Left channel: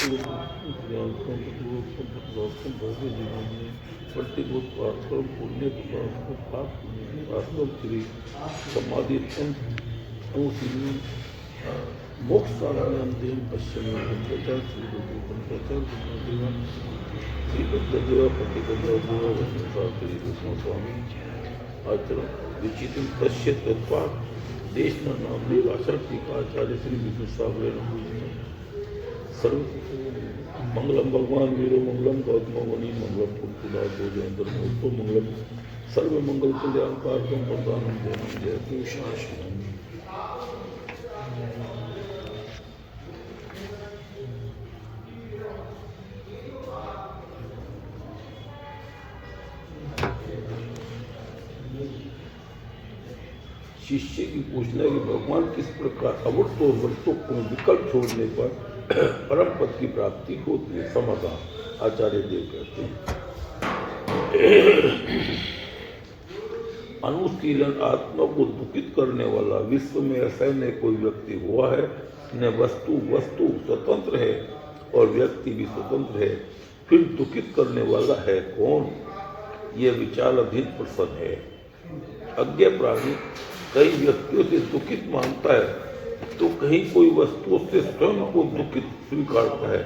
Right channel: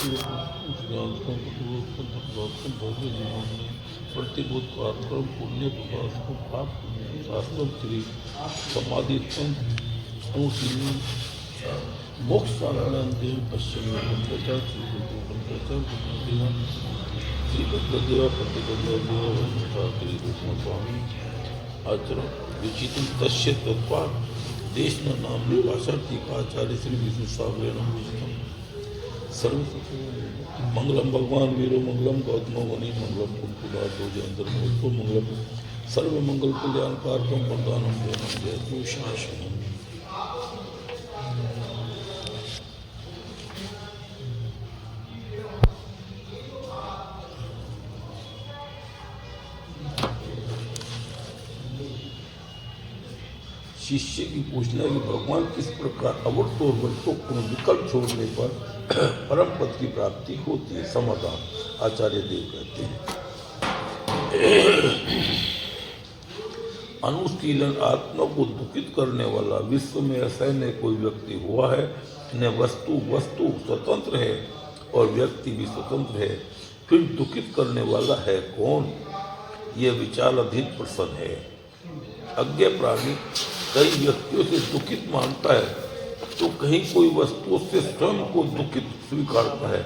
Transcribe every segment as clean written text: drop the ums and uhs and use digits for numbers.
भव्य जीवन में प्रतिभूत पराक्रम पुण्य विकास को प्राप्त शास्त्रम श्री समाधि मोक्ष साधनांदेव पश्चिम पंचाचार श्री पंचाचार श्री बद्धदेव प्रतिबद्धदेव वंशाकरी कृष्ण स्वामी आचरण विचित्र तस्य तत्वा देश न नामनी भाषा टीकाचार्य श्री विष्णु सागरे नमोस्तम सर्व मंगलम भगवान वीरो मंगलम गौतम मुनि मंगलम कुंकुलादो जयंतर मोत्तो मंगलम सर्व मंगल कल्याण कारकम वरदानम देवम जयतु शासनम। शिष्य की पूछना है कि भगवान किस प्रकार अवृत्त और वृत्तों को विकल्प छोड़ने पर परम पद की प्राप्ति होती है। समाधान आचार्य देव कहते हैं, अनुशीलन आत्मा को दुखित करने वाला विश्व में ऐसा न कोई व्यक्ति हुआ है, न वस्तु स्वतंत्र है और व्यक्ति भी स्वतंत्र है, फिर दुखित करने वाला है कौन? यह विचाराधीन प्रश्न है। अज्ञ प्राणी कई व्यक्तियों से दुखित मानता है तो कहीं कोई वस्तु से स्वयं को दुखित स्वीकारता है।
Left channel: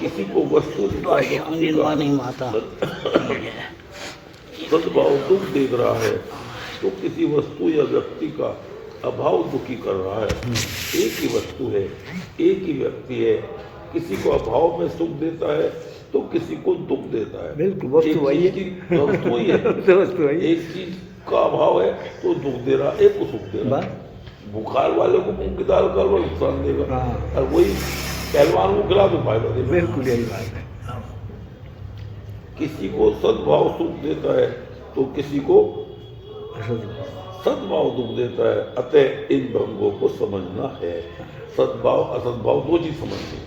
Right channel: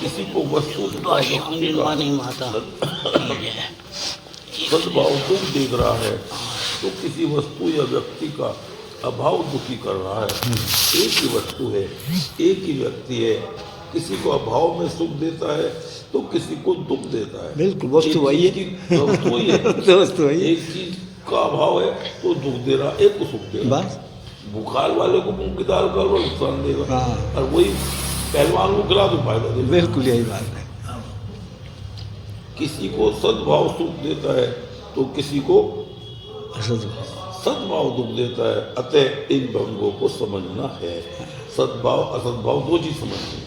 किसी को वस्तु सद्भाव दुख देख रहा है तो किसी वस्तु या व्यक्ति का अभाव दुखी कर रहा है। एक ही वस्तु है, एक ही व्यक्ति है, किसी को अभाव में सुख देता है तो किसी को दुख देता है। बिल्कुल वस्तु वही है, एक चीज का अभाव है तो दुख दे रहा, एक को सुख दे रहा। बुखार वाले को मूंग की दाल का नुकसान देगा और वही पहलवान को खिला तो फायदा देगा। बिल्कुल यही बात है। किसी को सद्भाव सुख देता है तो किसी को सद्भाव दुख देता है। अतः इन भंगों को समझना है। सद्भाव असद्भाव दो चीज समझनी है।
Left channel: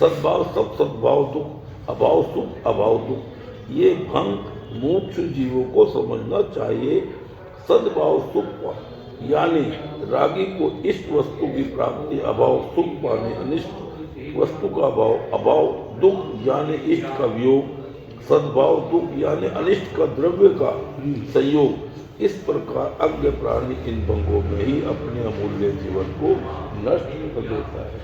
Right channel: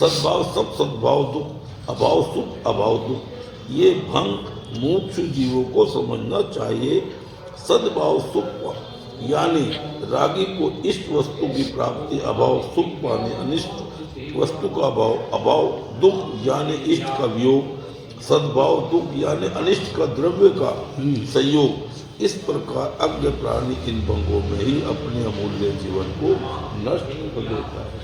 सद्भाव सब सद्भाव दुख, अभाव सुख अभाव दुख, ये भंग मुमुक्षु जीवों को समझना चाहिए। सद्भाव सुख यानी रागी को इष्ट वस्तु की प्राप्ति, अभाव सुख पाने अनिष्ट वस्तु का अभाव, अभाव दुख यानी इष्ट का वियोग, सद्भाव दुख यानी अनिष्ट का द्रव्य का संयोग। इस प्रकार अज्ञ प्राणी इन भंगों में ही अपने अमूल्य जीवन को नष्ट कर देता है।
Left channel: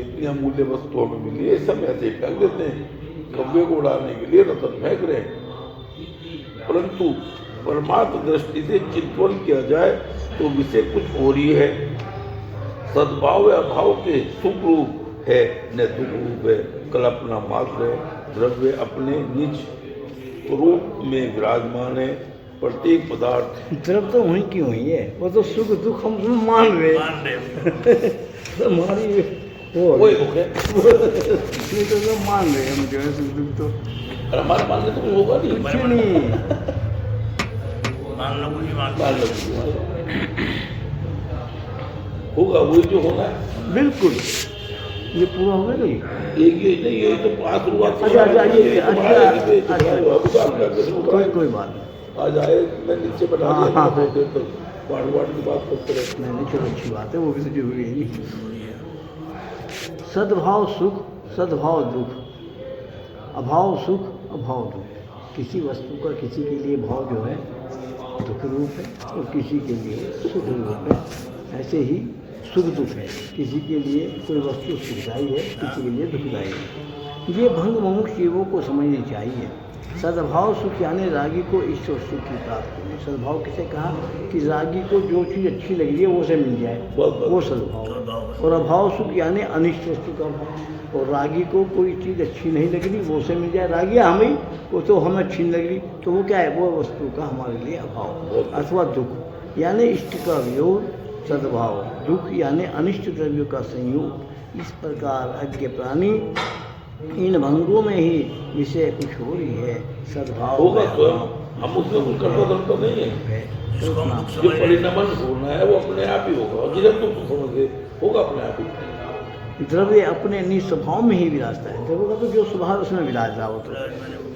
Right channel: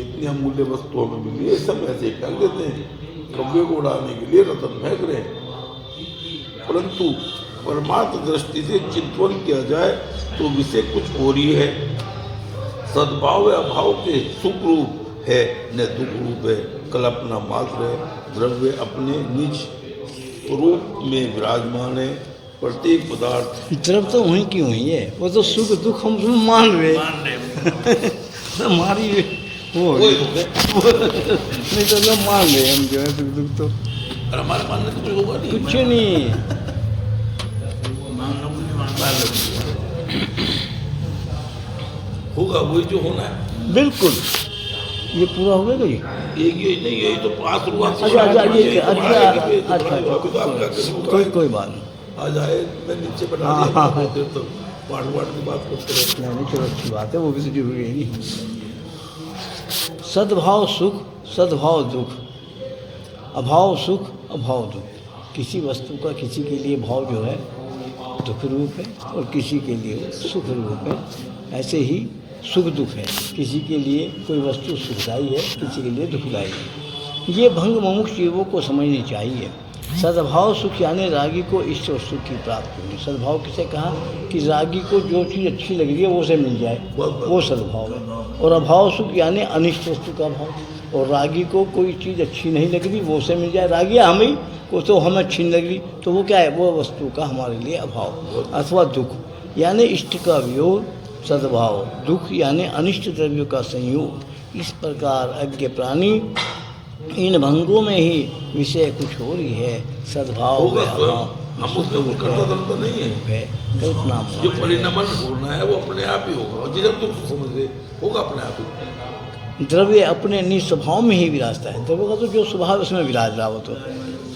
इतनी अमूल्य वस्तु हमें मिली है, सब ऐसे ही कर देते हैं, कब्जे को उड़ाने के लिए रतन फेंक रहे हैं। परंतु परमार्थ दृष्टि से चिंतन किया जाए तो विषय कुछ और ही है। सद्भाव अभाव के सुख रूप है न दुख रूप है, कल्पना मात्र है। द्रव्य अपने निज स्वरूप में विराजमान है। प्रत्येक पदार्थ द्रव्य तो वहीं की वहीं है, वो तो सुख दुख हम मान रहे हमारी वो नहीं तो मैं मान रहे हम जो है सुख दुख तो हमारा मानने तो कुछ होगा नहीं, कुछ नहीं होगा वही जो होना। बिल्कुल ये पूरा हो गया नहीं, यही तो पास हुआ। कोई बात नहीं, आ जाए मैं नीचे बना दिया तो वाट की बात करते रहे। चलो अच्छी बात है, वो किसी जरूरी नहीं। सद्भाव सुख सद्भाव दुख, अभाव सुख अभाव दुख। किसी वस्तु का किसी के लिए भाव जो है दुख रूप है और किसी के लिए सुख रूप है। ऐसे ही सुख दुख है, किसी के लिए कोई वस्तु सुखदायी है, किसी के लिए दुखदायी है। ये भंग मुमुक्ष जीवों को समझनी चाहिए। सद्भाव सुख यानी रागी को इष्ट वस्तु की प्राप्ति होगी। सद्भाव किसे कहा कि रागी को जो चीज़ अच्छी लग रही है वो से मिल जाए, वो सद्भाव। और अभाव सुख यानी अनिष्ट वस्तु का भाव। और रागी को कोई चीज़ अच्छी नहीं लग रही वो से मिल जाए, रागी हमें वो तो हमें अच्छी नहीं लग रही तो वो क्या है, वो वस्तु का हमारे लिए अभाव। अथवा दुख यानी इष्ट का वियोग सद्भाव, दुख यानी अनिष्ट द्रव्य का संयोग। इस प्रकार अज्ञ प्राणी इन भंगों में ही विषय कुछ हो रही है। सद्भाव हम उसमें कुछ करता धरता नहीं है। जो परिणामन होना है वो अपने आप ही होगा, और जिधर तुम समझे होगा अपने आप ही। द्रव्य अपने निस्वभाव में ही विराजता है। द्रव्य का तो जो स्वभाव उसमें विराज रहा हो। तो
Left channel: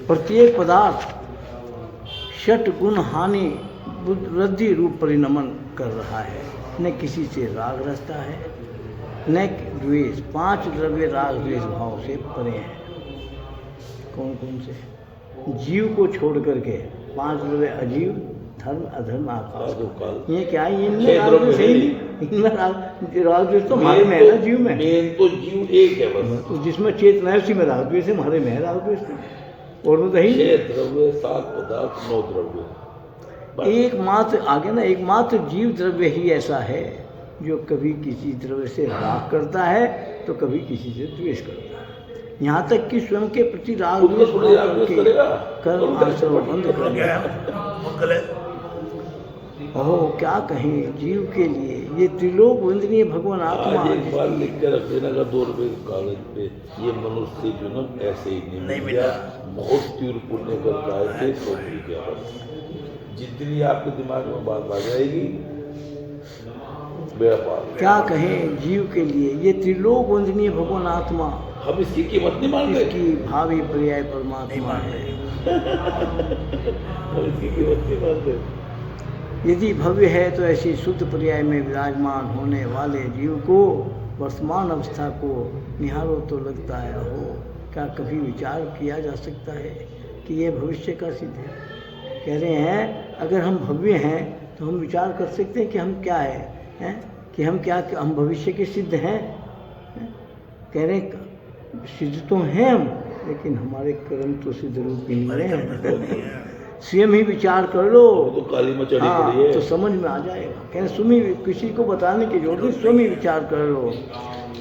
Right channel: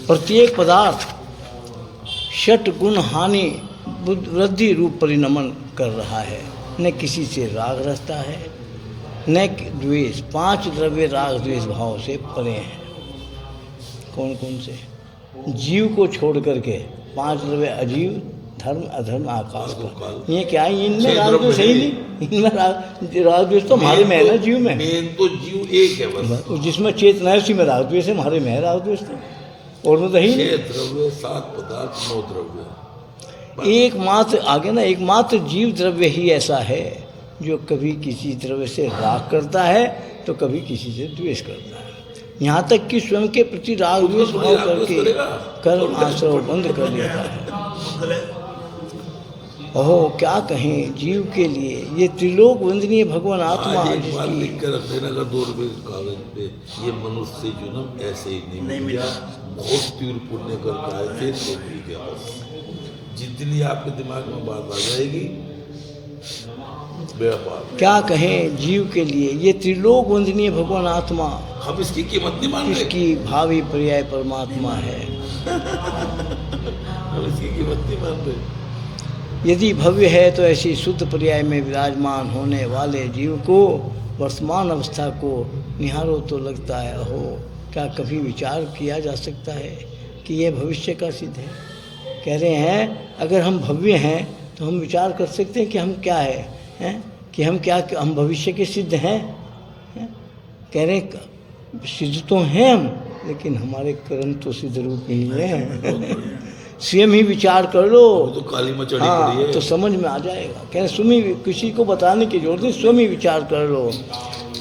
प्रत्येक पदार्थ षट गुण हानि वृद्धि रूप परिणमन कर रहा है। न किसी से राग रचता है न द्वेष, 5 द्रव्य राग द्वेष भाव से परे हैं। कौन कौन से? जीव को छोड़ करके 5 द्रव्य अजीव, धर्म, अधर्म, आकाश को। ये क्या है? इनमें राग द्वेष सही नहीं, इनमें राग द्वेष तो हमारे में है ना, जीव में। मेन तो जीव एक है बस, जिसमें चेतना है उसी में राग द्वेष है, हमारे में है राग द्वेष तो, और वो तो ही 6 द्रव्य, 7 पदार्थ, 9 द्रव्य। एकमात्र आगे ना, एकमात्र जीव द्रव्य ही ऐसा है जो कभी किसी द्रव्य से राग करता है तो कभी किसी से द्वेष करता है। यहाँ तक कि स्वयं के प्रति राग द्वेष भाव करके कर्म आश्रय बंद कर लिया है। ओहो, क्या कहें जीव के लिए ये त्रिलोक वंदनीय भगवान आत्मा आज एक बार जिसकी लिख कर रख लेना का 2 रुपये के कागज पे, ये मनुष्य जो ना ऐसे ही नहीं मिल गया, बहुत तीव्र पुण्य करके आए थे तो मिल गया बस। जितनी आपके दिमाग में बात आ जाएगी बेड़ा पार। क्या कहें जीव के लिए ये त्रिलोक वंदनीय भगवान आत्मा हम इसकी कीमत नहीं मान रहे, जिसकी भावी पर्याय परमात्मा है। हम इसकी कीमत नहीं मान रहे। यदि भव्य है तो ऐसी शुद्ध पर्याय में विराजमान होने वाले जीव को वर्तमान अवस्था को निहारो तो लगता है अहो, क्या कभी विचार किया जा सकता है कि यह भविष्य का सिद्ध है? कह रहे हैं अगर हम भव्य हैं तो हम विचार कर सकते हैं कि हम क्या हैं, कि हम क्या, हम भविष्य के सिद्ध हैं? कह रहे हैं सिद्ध तो हैं हम, लेकिन हमारे कर्म तो सिद्ध रूप ही नहीं है। स्वयं ही विचार कर लो तो काली में चढ़ी हाँ, पड़ी है। तो समझ में आ जाएगा। कह रहे स्वयं ही, किसी को बताने की जरूरत नहीं, स्वयं ही विचार कर लो।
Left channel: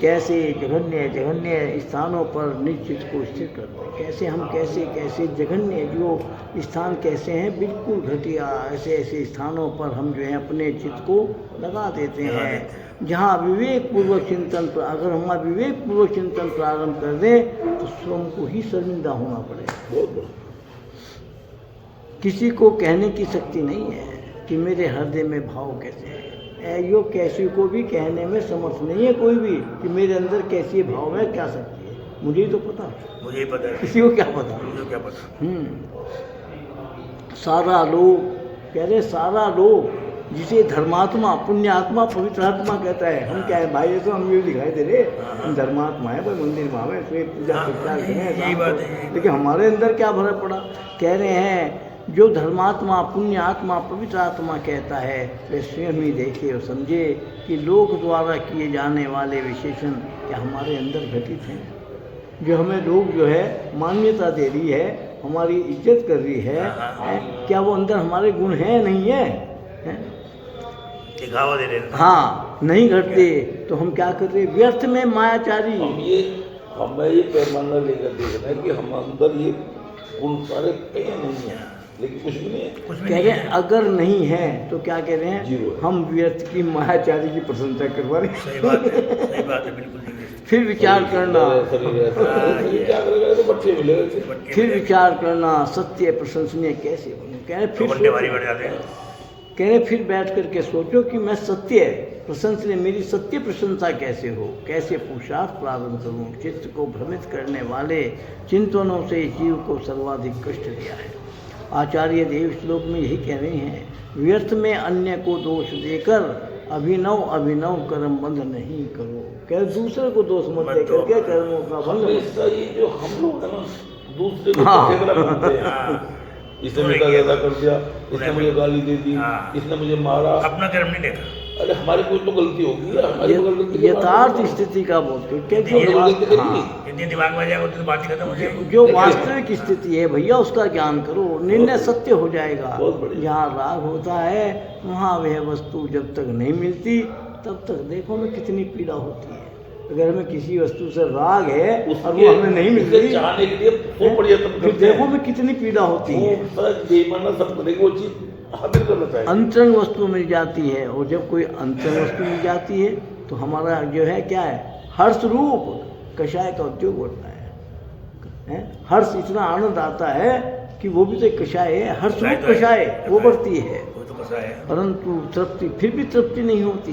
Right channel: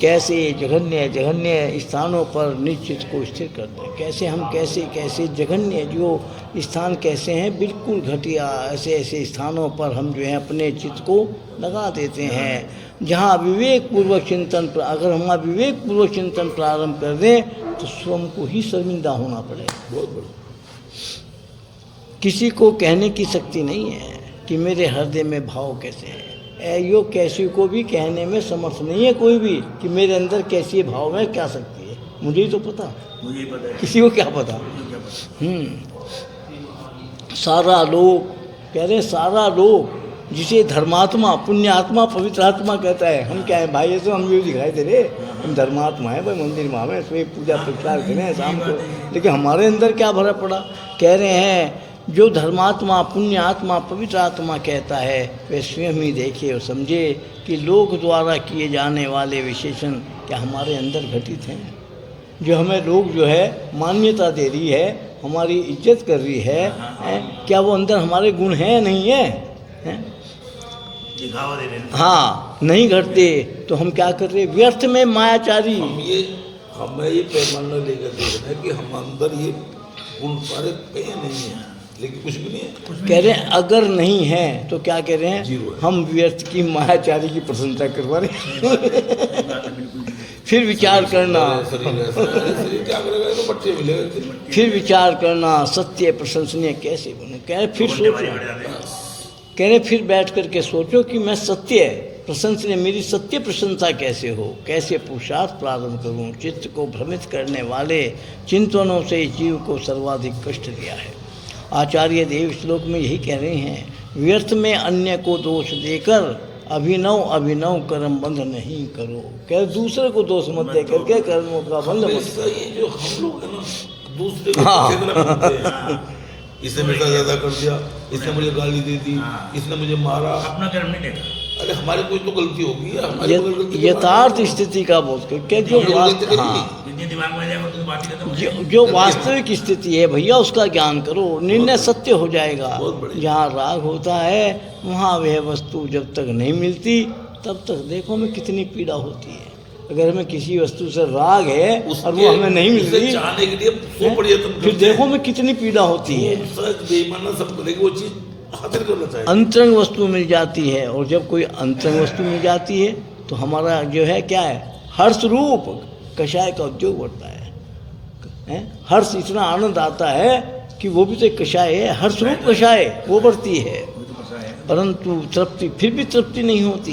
कैसे जघन्य जघन्य स्थानों पर निश्चित को स्थिर करते हैं। कैसे हम कैसे जघन्य जो स्थान कैसे हैं, बिल्कुल घटिया ऐसे ऐसे स्थानों पर हम जो है अपने चित्त को लगा देते हैं। जहाँ विवेक पूर्वक चिंतन, अगर हम विवेक पूर्वक चिंतन प्रारंभ कर दें तो स्वयं को ही शर्मिंदा होना पड़ेगा। बहुत बड़ा। किसी को कहने की शक्ति नहीं है कि मेरे हृदय में भाव कैसे है। यो किसी को भी कहने में समर्थ नहीं है कोई भी कि मेरे अंदर कैसी भाव है, क्या शक्ति है। मुझे ही तो पता, मुझे ही पता है, किसी को क्या पता। मुझे क्या पता। सारा लोग कह रहे, सारा लोग जिसे धर्मात्मा, पुण्यात्मा, पवित्र आत्मा कहता है, हम क्या है भाई? ये तो हम भी दिखाई दे रहे, हम धर्मात्मा है भाई, मंदिर में हमें तो पूजा प्रचार करें शाम को, लेकिन हमारे अंदर क्या भरा पड़ा। कह रहे हैं जो धर्मात्मा, पुण्यात्मा, पवित्र आत्मा कहता है वे स्वयं ही देखे और समझे कि लोक द्वारा किए जाने वाले विशेषण क्या हमारे अंदर घटित हैं। जो हमें लोग जो है मान्यता दे रही है, हमारी इज्जत कर रही है, क्या वो अंदर हमारे गुण हैं नहीं है? दिखावा दे रहे हैं। हाँ, नहीं घटते तो हम क्या कर रहे? व्यर्थ में मायाचारी। हमें ये पैमाना लेकर देखना कि हम अंदर ये गुण सारे कहीं नहीं है, लेकिन कुछ भी नहीं है। कह रहे हैं अगर नहीं है तो क्या कह रहे हैं? जीरो है। हम व्यर्थ की मायाचारी की प्रशंसा करवा रहे हैं। सही बात है, सही बात है, बिल्कुल। फिर विचार करना, शरीर क्या करेगा तो बट्टे मिलेगा। फिर विचार करना सत्य प्रशंसनीय कैसे बनूं। कह रहे फिर घंटे भारी सोचो, बढ़ जाते हैं। कह रहे फिर बैठ करके सोचो कि मैं सत्य प्रशंसनीय, मेरी सत्य प्रशंसा कैसे हो, कैसे पुरुषार्थ प्रारंभ करूं। चित्त को भ्रमित करने वाले चिंतनों से जीव को सर्वाधिक कष्ट दिया है। आचार्य देव श्लोक में यही कह रहे हैं, व्यर्थ में अन्य को दोष देकर अभिनव कर्म बंध नहीं करो। क्या दूसरे को दोष मत दे करके कर्मों का बंध मत। ये जो हम लोग है ना, दूसरे को खेदना बनते हैं। इसने मुझे ज्यादा कर दिया, इसने मुझे गाली दे दी, इसने मुझे मारा। अपना कर्म नहीं देखा। अरे हमारी कोई तो गलती होगी, हमारी कोई गलती नहीं। यथार्थ स्थिति का बोध कर क्या जितनी दिमाग में जाएगा उतनी बात ही खत्म हो जाएगी। जो वास्तविक स्थिति है भैया उसका ज्ञान करो, निर्णय सत्य हो जाएगा। बहुत बढ़िया। जहाँ राग होता है वहाँ वह वस्तु जब तक नहीं मिलती तब तक देखो हमें कितनी पीड़ा होती है। अगर हमें किसी वस्तु से राग है और वो हमें नहीं मिलती, चाहने के लिए सो पड़ जाता है। फिर देखो हमें कितनी पीड़ा होती है। सच बेईमाना सब करेगा, वो चीज हासिल करना चाहिए। अंतरंग वस्तु मिल जाती है, और जब कोई अंतरंग वस्तु मिल जाती है तो हमारा जो है क्या है, हर्ष रूप कषाय का उद्योग बढ़ता है। हर्ष इतना आनंद आता है कि वो भी तो एक कषाय है, हर्ष रूप कषाय वो बढ़ती है। वो तो बसा है। परंतु तृप्ति, फिर भी तृप्ति नहीं होती,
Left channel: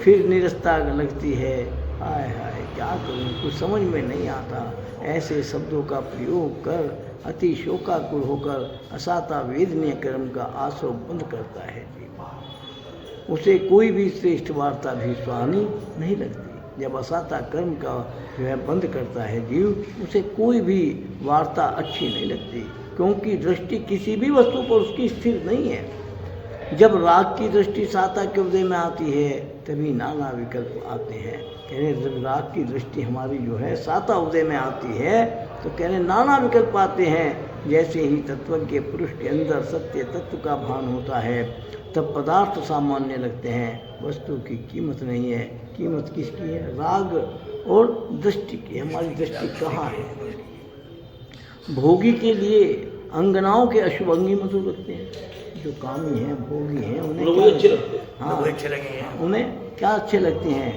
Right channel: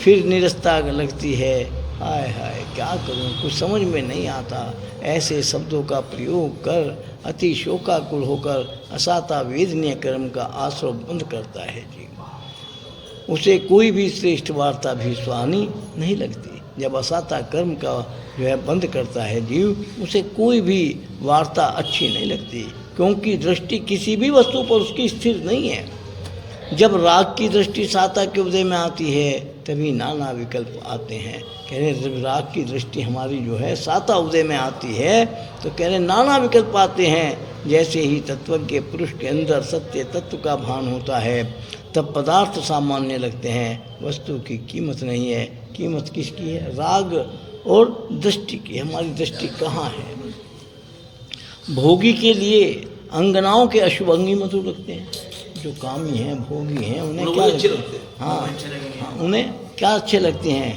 फिर निरस्ता लगती है। हाय हाय क्या करूं, कुछ समझ में नहीं आता। ऐसे शब्दों का प्रयोग कर अति शोकाकुल होकर असाता वेदनीय कर्म का आश्रय बंद करता है जीव। उसे कोई भी श्रेष्ठ वार्ता भी सुहानी नहीं लगती। जब असाता कर्म का जो है बंद करता है जीव, उसे कोई भी वार्ता अच्छी नहीं लगती, क्योंकि दृष्टि किसी भी वस्तु पर उसकी स्थिर नहीं है। जब राग की दृष्टि साता के उदय में आती है तभी नाना विकल्प आते हैं। कह रहे जब राग की दृष्टि हमारी जो है साता उदय में आती है तो कह रहे नाना विकल्प आते हैं। जैसे ही तत्व के पुरुष के अंदर सत्य तत्व का भान होता है तब पदार्थ सामान्य लगते हैं, वस्तु की कीमत नहीं है। कीमत किसकी है? राग और दृष्टि की। हमारी दृष्टि कहाँ है? भोगी के लिए अंगनाओं के अशुभ अंगी मधुर लगते हैं। जो कामी हैं, भोगी हैं, उन्हें क्या लगते हैं? हाँ, अच्छे लगेंगे। उन्हें क्या अच्छे लगते हैं?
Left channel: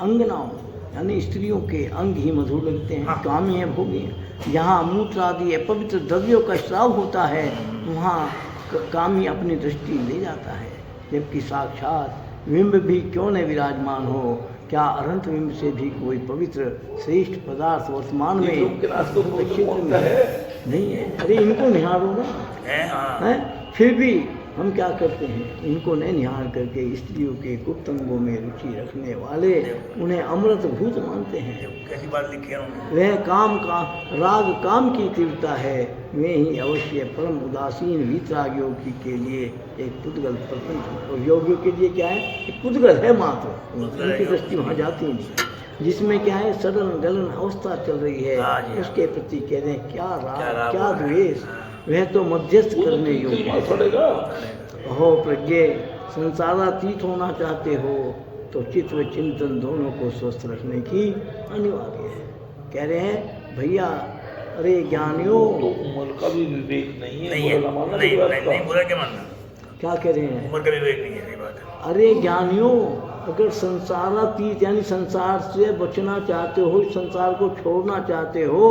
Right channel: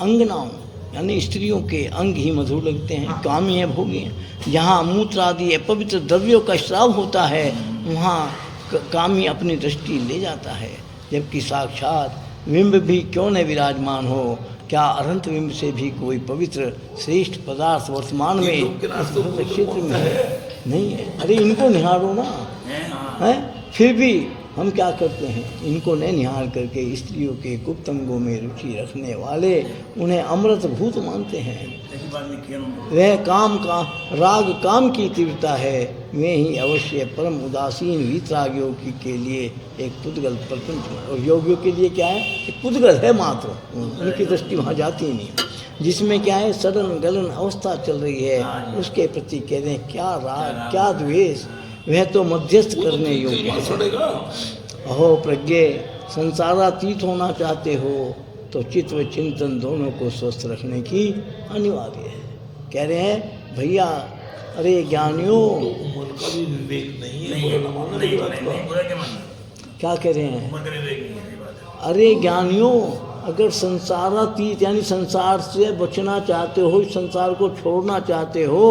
अंगनाओं यानी स्त्रियों के अंग ही मधुर लगते हैं। कामी हैं, भोगी हैं। जहाँ मूत्र आदि पवित्र द्रव्यों का श्राव होता है वहाँ कामी अपनी दृष्टि ले जाता है, जबकि साक्षात बिंब भी क्यों न विराजमान हो, क्या अनंत बिंब से भी कोई पवित्र श्रेष्ठ पदार्थ वर्तमान में क्षेत्र में है? नहीं है। अरे इनको निहारो ना, है? फिर भी हम क्या करते हैं? इनको नहीं निहार करके स्त्रियों के गुप्त अंगों में रुचि रखने वाले उन्हें अमृत भूत मानते हैं। कैसी बात लिखी है उन्होंने? वह काम का राग काम की तीव्रता है, वे ही अवश्य परम उदासीन वीतरागियों के लिए एक पुद्गल प्रपंच, और योगियों के लिए क्या है? एक पुद्गल है मात्र, उनकी दृष्टि वहाँ जाती ही नहीं। जिसमें क्या है? सड़न गलन अवस्था चल रही है, उसके प्रति कहते हैं क्या राग क्या द्वेष, वह तो मध्यस्थ करने योग्य है। अहो प्रज्ञे, संसारातीत होना चाहते हो तो चित्त व चिंतन दोनों को स्वस्थ रखने की अनिवार्य है। कह रहे हैं भैया, अरे ज्ञानियों, उम्र का भी विवेक नहीं है, नहीं बुरा ना मानना, नहीं बुरा का। नहीं, बुरा क्या मानना? क्या कह रहे हैं? उम्र का विवेक नहीं है, सही बात है। अरे ज्ञानियों, अगर संसारातीत यानी संसार से बचना चाहते हो, संसार को छोड़ना चाहते हो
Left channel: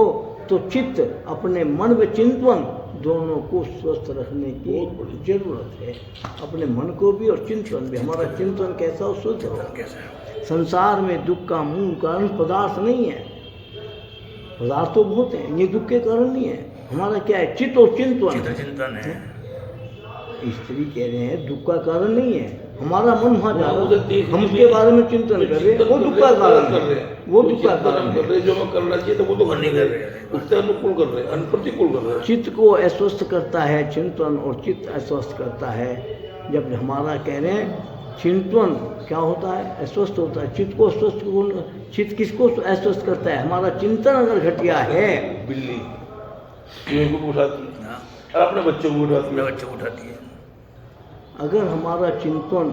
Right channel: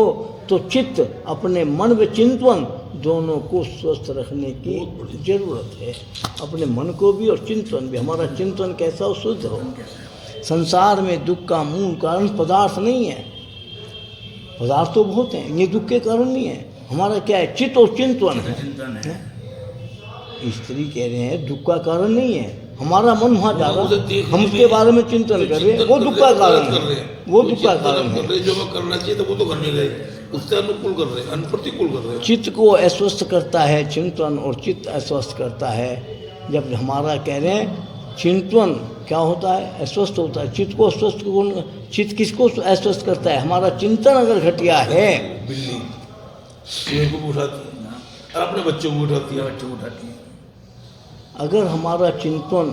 तो चित्त अपने मन व चिंतन दोनों को स्वस्थ रखने की जरूरत है। अपने मन को भी और चिंतन भी। हमारा चिंतन कैसा हो? शुद्ध हो। संसार में दुख का मूल कारण पदार्थ नहीं है, पदार्थ तो बहुत हैं, ये दुख के कारण नहीं है। हमारा क्या है? चित्त और चिंतन। चिंतन है। स्त्री कह रहे हैं दुख का कारण नहीं है, हमारा मन वहाँ जा रहा उसे है, देख हम उसके बारे में चिंतन कर रहे हैं, वो दुख का कारण कर रहे है। हैं, वो दुख का चिंतन कारण कर है। रहे हैं, जो हमें करना चाहिए तो वो तो कर नहीं रहे, उससे अनुकूल कर रहे हैं, अनप्रतिकूल कर रहे हैं। चित्त को अस्वस्थ करता है चिंतन, और चित्त अस्वस्थ करता है जब हमारा कह रहे हैं चिंतन क्या होता है? अस्वस्थ होता है। चित्त को अस्वस्थ कौन? चित्त किसको अस्वस्थ करता है? हमारा चिंतन अगर घटिया है। बिल्ली चूहे को भी उठाती है और अपने बच्चों को उठाती है। बच्चों को उठाती है। अगर हमारा चिंतन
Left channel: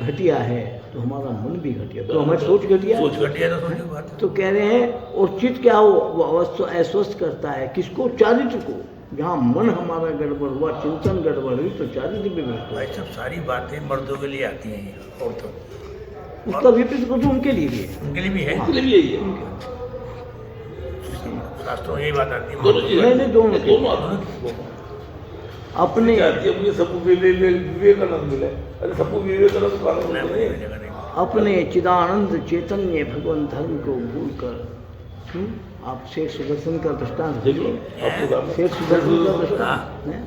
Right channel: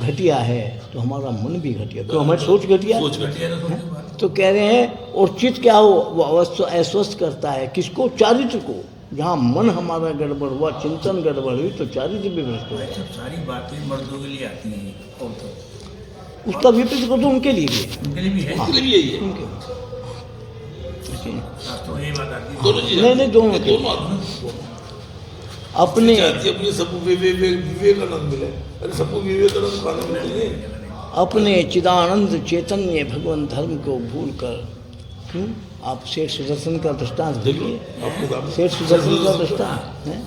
घटिया है तो हमारा मन भी घटिया, तो हमारी सोच घटिया सोच घटिया तो सोच बात। तो कह रहे हैं। और चित्त क्या हो? वो अस्वस्थ करता है किसको? चारित्र को। जहाँ मन हमारा गड़बड़ हुआ, चिंतन गड़बड़ हुई तो चारित्र भी भ्रष्ट हुआ। भाई सब सारी बातें मर्दों के लिए आती हैं, और तो उसका विपरीत को तो उनके लिए भी है। उनके लिए भी है। उनके लिए यही है। शास्त्रों में यही बात आती है। दोनों चीज़ें नहीं, नहीं, दोनों ये के। दोनों आदमी अपने चाहती है अपने सबको विवेकानंद मिला। अरे सबको विवेकानंद का आनंद मिला नहीं। अपने चिदानंद चैतन्य भगवान धर्म को भूल कर आप शेर सुदर्शन का दृष्टांत देखिए। आपके सामने शेर सुदर्शन का दृष्टांत हैं?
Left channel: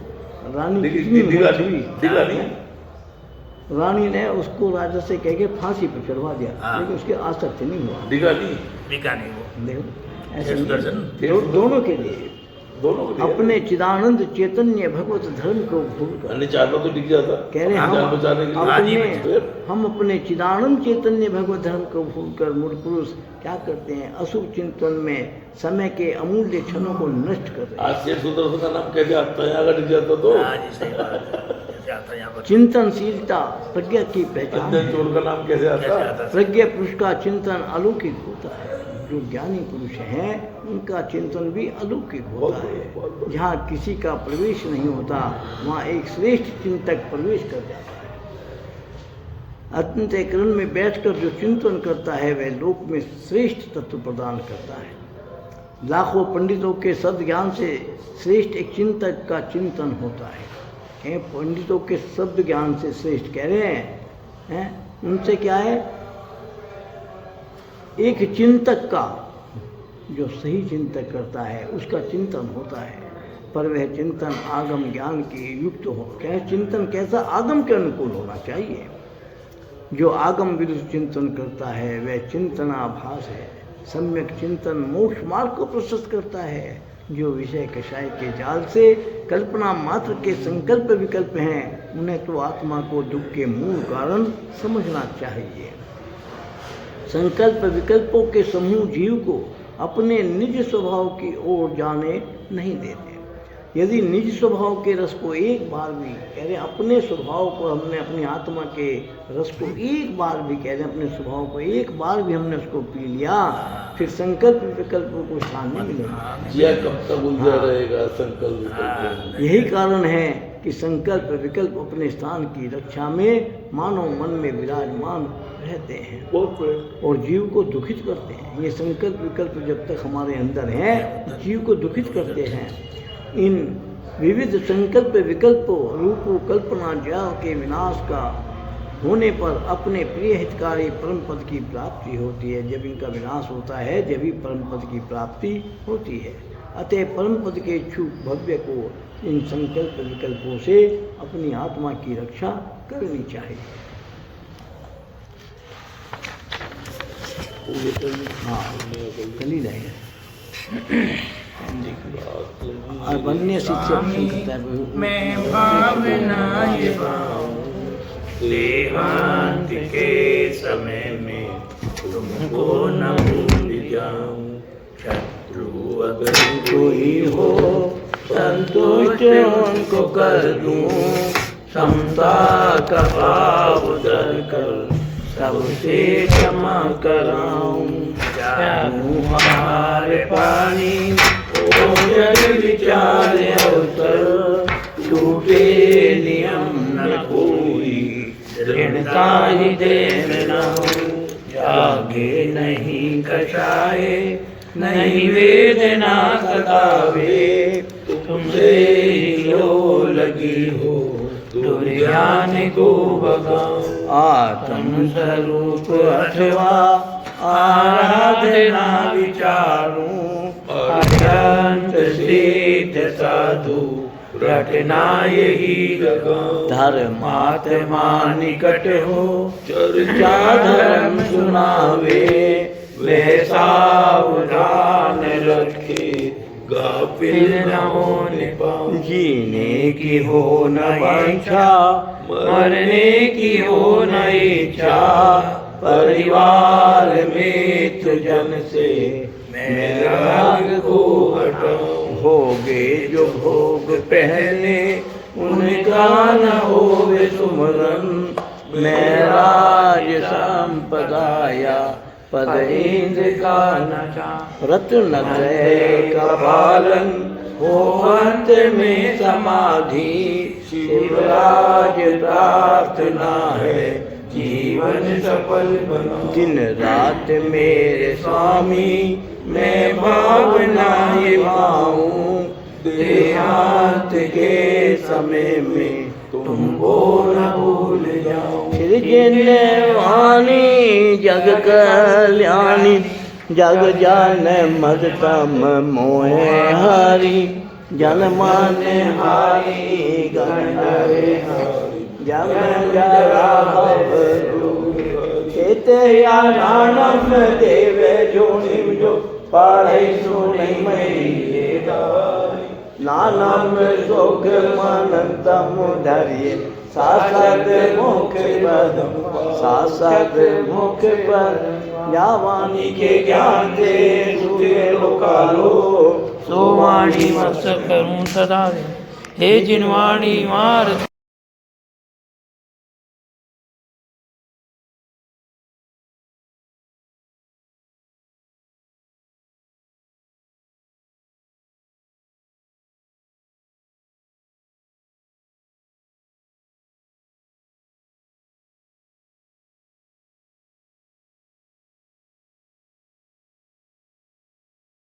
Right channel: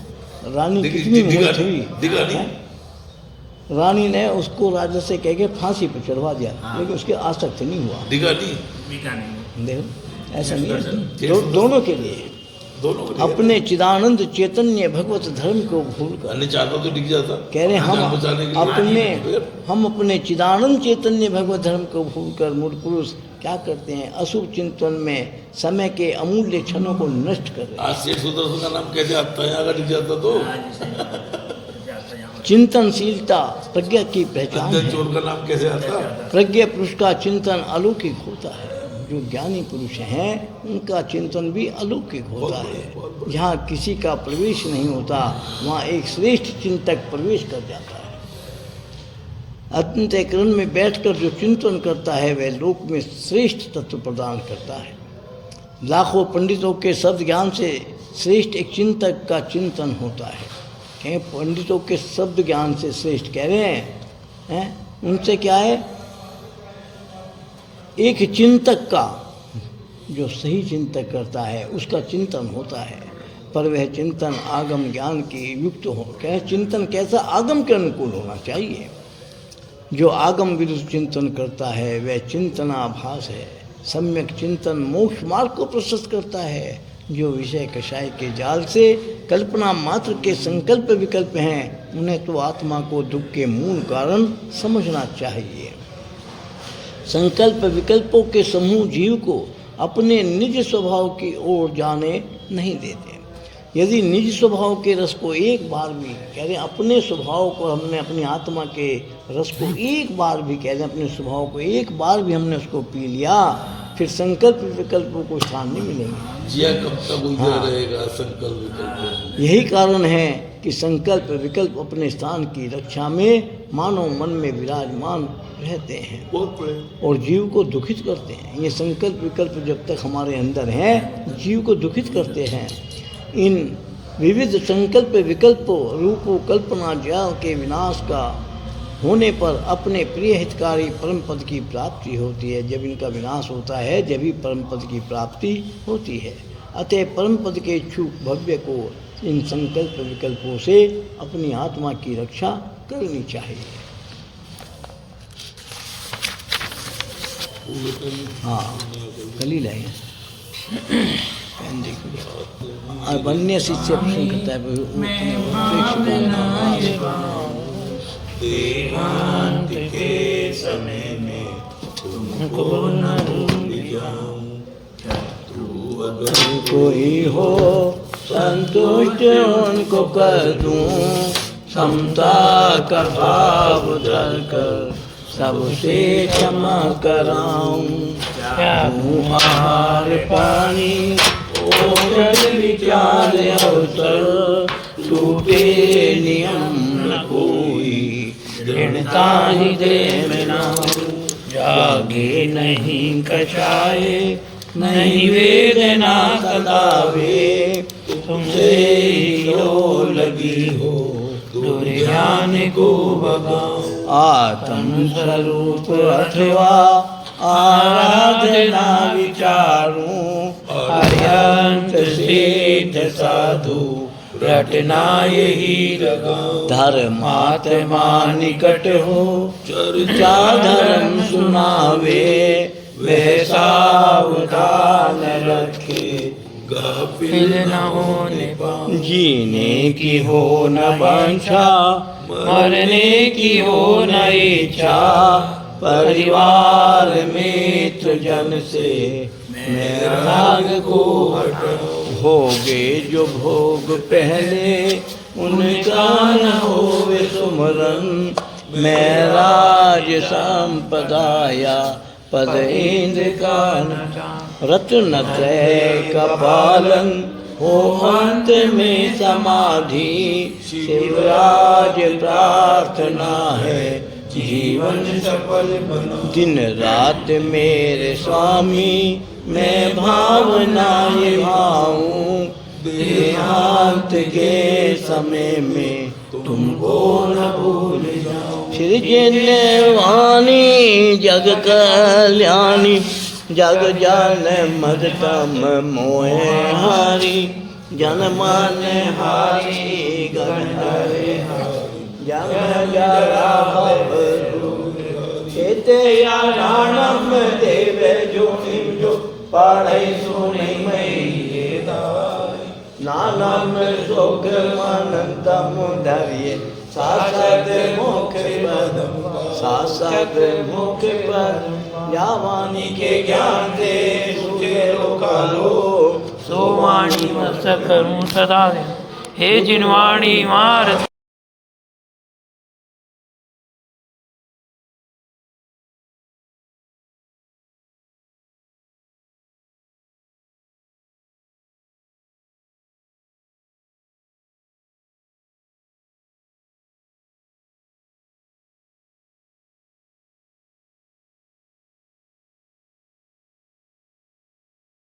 रानी दिख- कितनी दिख- मोहित हुई, दिख रही। हैं? रानी ने उसको राजा से कह के फांसी पर चढ़वा दिया, हाँ। लेकिन उसके आसक्त नहीं हुआ। दिखा नहीं, बिका नहीं वो। देखो ऐसा शेर नहीं है। सुदर्शन। दोनों के लिए दोनों को दिखा। अपने चिदानंद चैतन्य भगवत धर्म को भूल कर अन्य चाहता तो दिख जाता। कह रहे जान बचाने के लिए। हम अपने चिदानंद चैतन्य भगवत धर्म को भूलकर मूढ़ पुरुष क्या करते हैं? अशुभ चिंतन में समय के अमूल्य क्षणों को नष्ट कर रहे हैं। आज शेर सुदर्शन का नाम कैसे आता है? अगर दिख जाता तो हाँ जी, सही बात है। जाता है यहाँ पर। चिंतनशीलता प्रज्ञा की पहचान अंधन है। चोर का नाम कैसे कैसे आता? आता है? प्रज्ञा पुरुष का चिंतन अलौकिक होता है। जो ज्ञानी पुरुष हैं उनका चिंतन भी अलौकिक होता है। जहाँ किसी का प्रवेश नहीं होता वहाँ एक श्रेष्ठ चिंतक प्रवेश कर जाता है। अंतःकरण में बैठकर जो चिंतन करता है वह लोक में श्रेष्ठ तत्व प्रदान करता है। लाखों पंडितों के शब्द ज्ञान से श्रेष्ठ एक चिंतक का चिंतन होता है। कहीं पंडितों के शब्द ज्ञान से श्रेष्ठ कह रहे हैं? उनसे क्या है? एक चिंतक का जो सही चिंतक करता है उसका चिंतन होता है, पर वह चिंतन आगम ज्ञान के युक्त हो। क्या है चिंतन? कैसा? आगम के अनुकूल होना चाहिए। जो आगम विरुद्ध चिंतन करता है वह चिंतनाभास है। सम्यक चिंतन मोक्ष मार्ग को प्रशस्त करता है। जो विषय कषाय के जाल से कल्पना मात्र के संकल्प विकल्प हैं, उन्हें तो आत्मा को दुख के मूल कारण समझना चाहिए। संकल्प विकल्पों के समूह जीव को अपने निज स्वभाव की ओर जाने नहीं देते। यदि निज स्वभाव के रस को एक बार भी कह रहे, अपने स्वभाव को हमने, अपनी आत्मा के रस को एक बार भी कह रहे, अपने स्वभाव को एक बार भी हमने उसको पी लिया, फिर संकल्प विकल्पों को स्थान नहीं मिलेगा। जिया कब तक उलझा रहेगा संकल्प विकल्प। यही कारण है कि संकल्प विकल्प अपने स्थान की रक्षा में मानव मन में विराजमान रहते हैं और जीव को दुखित करते हैं। ये संकल्प विकल्प जब तक हमारे अंदर हैं, जीव को दुखित करते हैं। इन विविध संकल्प विकल्पों रूपों कल्पना जाल के विनाश का होने पर अपने प्रिय हितकारी परम पद की प्राप्ति होती है। जब इनका विनाश होता है, जब ही परम पद की प्राप्ति होती है। अतः परम पद के इच्छुक भव्य को इन संकल्प विकल्पों से अपनी आत्मा की रक्षा करनी चाहिए। हाँ, कली लाइए पेन देखिए। और बनने शिष्य करता है मैं भावना ये देहांत के समय में तुमको न भूल जाऊं। शत्रु अगर कोई हो संतुष्ट उनको कर दूं, समता का भाव धर कर सबसे क्षमा कराऊं। हार पानी ओ जल विचार अवसर, टूटे नियम न कोई दृढ़ता हृदय में लाऊं। जागे नहीं कछाए नहीं वेदना सतावे, तुमसे लो लगी हो दुर्ज्ञान को भगाओ। आत्म स्वरूप अथवा आराधना विचारूं, अनंत सिद्ध साधु रटना यही लगाऊं। धर्मात्मा निकट हो चर्चा धर्म सुनावे, वह सावधान रखे गाफिल न होने पाऊं। जीने की हो न वांछा, मरने की हो न इच्छा, परिवार मित्र जन से मैं राग को हटाऊं। भोगे जो भोग पहले उनका न होवे सुमरन, मैं राज संपदाया पद इंद्र का न रत्न त्रय का पालन, हो अंत में समाधि शिवराज प्रार्थना है जीवन सफल बना। दिन रात मेरे स्वामी मैं भावना ये भाऊं, देहांत के समय में तुमको न भूल जाऊं। फिर जिन्ने वाणी जग कल्याणी, जग जान मद तम मोहे हारी, जन मान हारी गण जम जरा भव चेते या नानम देवे जोनिम जो पाढ़ै सुनि मई नानम सुख मन तम धरिए, सासद मुख पद सासद मुख पद। या वाणी के ज्ञान से सुखे लोकालो, सो वाणी मस्त करूं सदा दिन। हे जिन वाणी मार